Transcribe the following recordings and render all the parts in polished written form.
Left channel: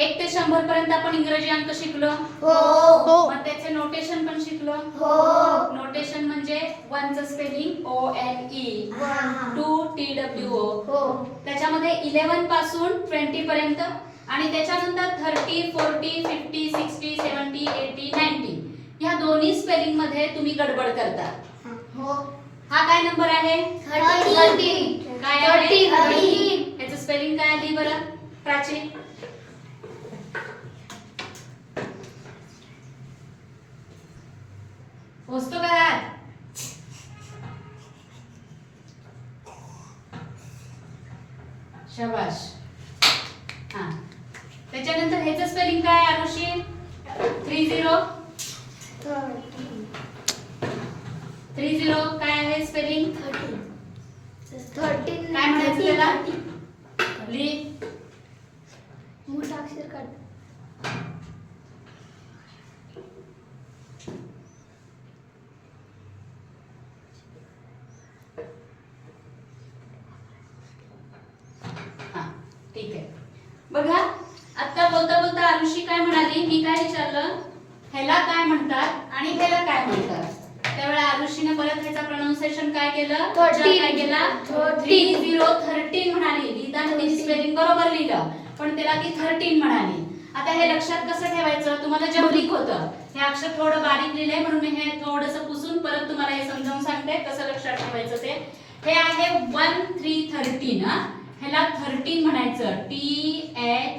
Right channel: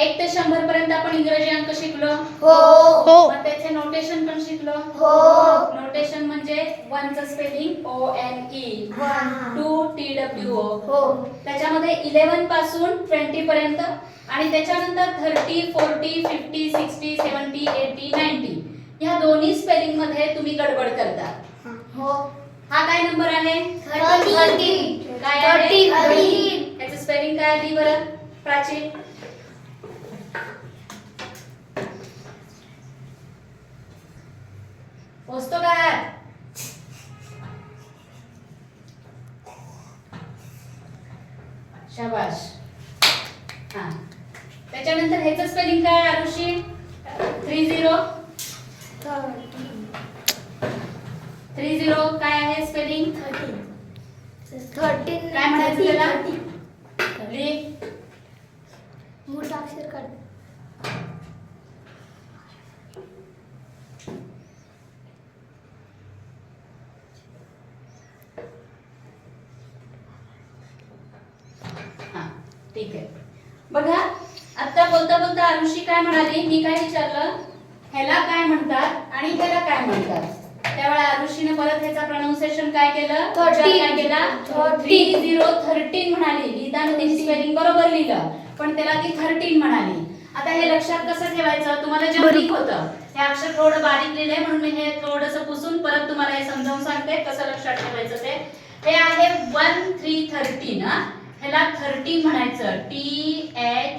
1 ते 100 पर्यंत आपण इंग्रजी अंक शिकलो. हो. मग त्याचे नोटेशन पण शिकलो. नोटेशन म्हणजे 1 चं स्पेलिंग ONE, 2 TWO. त्याच्यामध्ये 11 पासून 20 पर्यंत आणि त्याच्यानंतर 30, 40, 50, 60, 70, 80, 90 ह्या दोन्ही स्पेलिंग मध्ये तुम्ही गडबड करता. हा काय नंबर आहे? 13. काय आहे? 13. याचं स्पेलिंग काय आली बरं प्राची? पोचतो का? शाबाश. हा त्याच्यानंतर ह्याचं स्पेलिंग काय आरुषी? 30 काय आहे स्पेलिंग? 13 काय म्हणायचं त्याला? लिह. मोठा अक्षर काढ. हा ठीक आहे. बघा आता बोलता बोलता आरुषी काय म्हणाली, मी काय विचारलं ह्याला काय म्हणतात आणि ह्याला काय म्हणतात. त्यावेळेला आरुषीने परत ह्याचा प्रोनाउन्सिएशन काय केलं? 13 म्हणाली. लिहिताना ती स्पेलिंग बरोबर लिहिलं पण त्याला ती 13 म्हणाली. आता हे लक्षात कसं ठेवायचं? तुम्हाला जे माहित होतं हे अक्षर थोडं बारीक लिहिलंय म्हणून मी हे थोडंसं पुसून परत तुम्हाला हे समजावून सांगते कसं लक्षात ठेवायचं ते. हे आहे 1 3 13 हा. ह्याला 13 म्हणायचं. THIRTEEN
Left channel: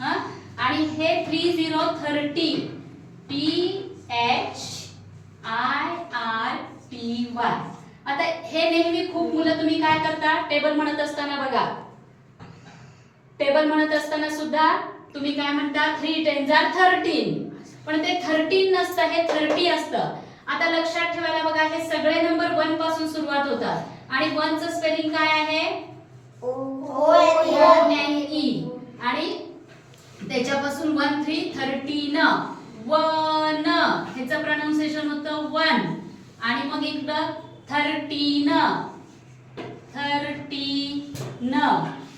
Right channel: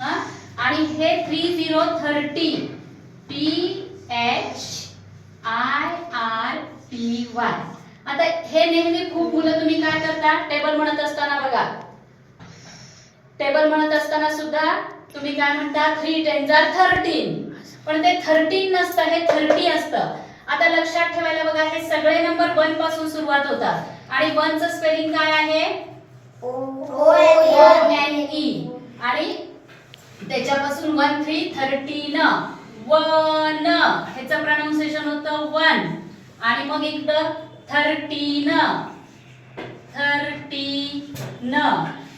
हा. आणि हे 30 THIRTY. आता हे नेहमी खूप मुलं तुम्ही काय करता टेबल म्हणत असताना बघा, टेबल म्हणत असताना सुद्धा तुम्ही काय म्हणता 3 10 13 पण ते 13 नसतं, हे 30 असतं. आता लक्षात ठेवायला बघा हे सगळे नंबर 1 पासून सुरुवात होतात आणि 1 चं स्पेलिंग काय आहे? ONE. आणि त्याच्यापासून 1 3 13 वन ह्याचं प्रोनाउन्सिएशन होतं 1 आणि मग इकडं 13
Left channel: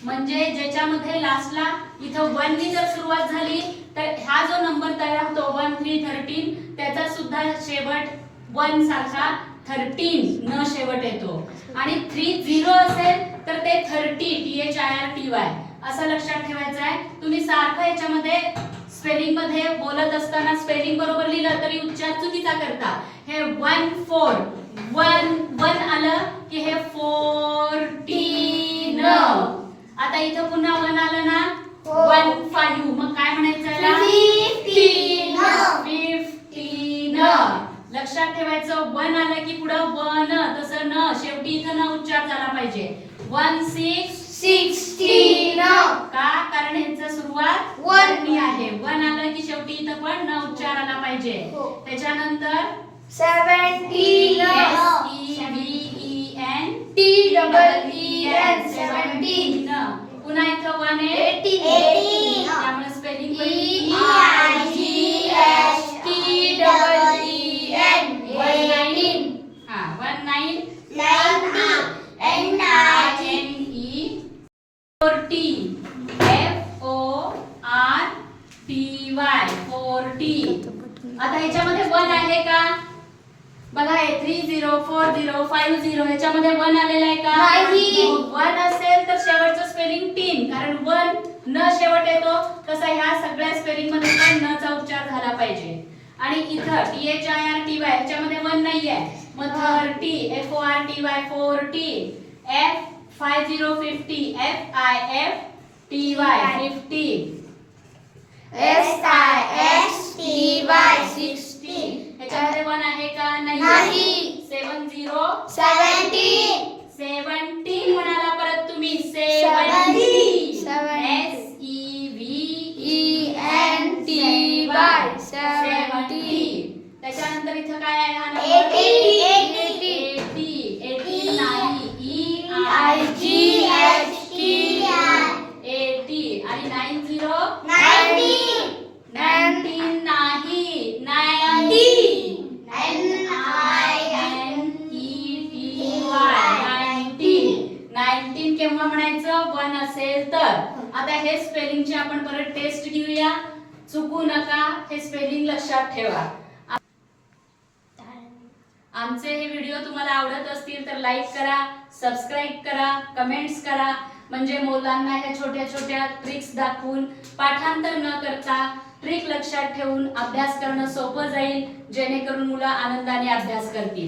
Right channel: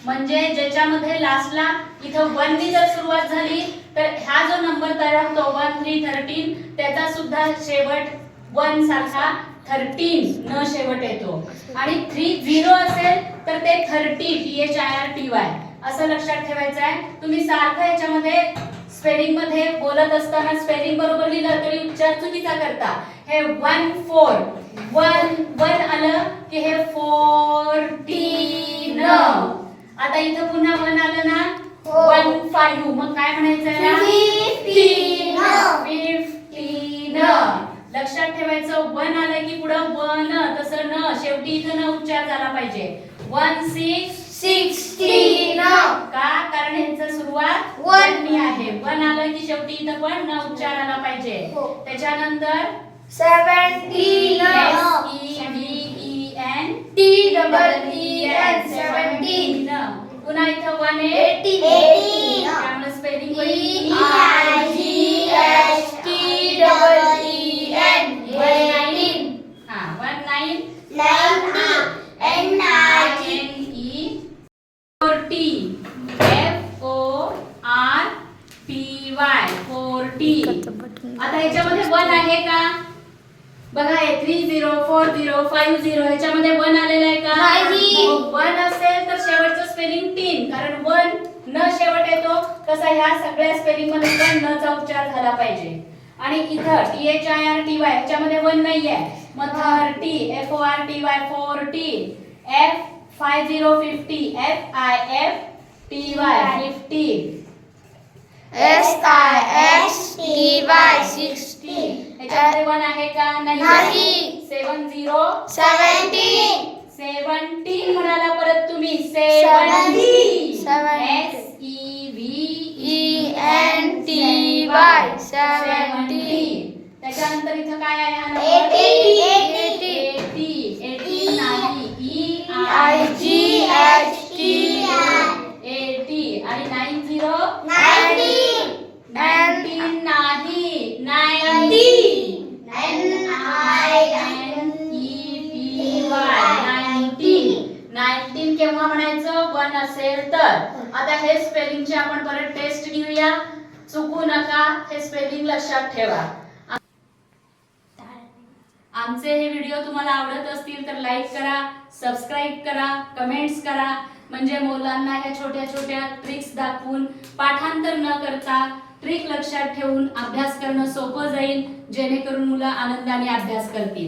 म्हणजे ज्याच्यामध्ये लास्टला इथं 1 नी जर सुरुवात झाली तर हा जो नंबर तयार होतो 1 3 13 त्याचा सुद्धा शेवट 1 सारखा 13 न शेवट येतो. आणि 30 असेल तर ते 30 THIRTY असं लक्षात ठेवायचं आहे. तुम्ही सारखं याच्यामध्ये स्पेलिंग मध्ये बोलत असताना स्पेलिंग बरोबर लिहिलं तरी उच्चार चुकीचा करता. हे 1 4 1 आलं की हे 14. आता इथं पुन्हा 1 आलं ना 1 5 मग काय म्हणायचं याला? 15. लक्षात ठेवायचं 1 आलं की पुढं 1 तसं न शेवटी इथं न उच्चार झाला पाहिजे. 1 6 16. का? कारण ह्याचं सुरुवात 1 नी आहे. 1 आलं की शेवटी इथं पण न उच्चार आला पाहिजे. त्याच्यानंतर 17. SEVEN 17. पुन्हा इथं 1 आहे 18. त्यामुळे स्पेलिंग EIGHTEEN 19. हा 19 40. आता ह्याच्यामध्ये 1 आहे का? बघा हे 30 40 50 ह्याच्यामध्ये 1 आलेलं आहे का? नाही. 1 असेल तर शेवटचं स्पेलिंग 3 कारण 1 न शेवट येतो तसा ह्या सगळ्या स्पेलिंग मध्ये पण न चा उच्चार झाला पाहिजे. आणि इथं THIRTY ह्याच्यामध्ये 1 नाहीये मग 30 FORTY 40 F50 50 FIFTY 50 SISTY 60. ह्याच्यामध्ये 1 आहे का? नाही. 70 17. म्हणाला परत तुम्ही 70. SEVENTY 70. त्याच्यानंतर इथं काय आहे हा नंबर? 80. 80 नाही EIGHTEEN 80 आणि 90 90. 19 नाही 90 NINETY नसेल तर. आता हे स्पेलिंगची आपण परत टेस्ट घेऊया. चुकू नका, हे स्पेलिंग लक्षात ठेवा. आमचे हे व्हिडिओ तुम्हाला आवडत असतील तर लाईक करा, सबस्क्राईब करा, कमेंट्स करा. म्हणजे मुलांना ह्या छोट्या छोट्या ट्रिक्स दाखवून पाठांतर न करता ट्रिक लक्षात ठेवून अभ्यास करणं सोपं जाईल, जेणेकरून मुलं आनंदाने अभ्यास करतील.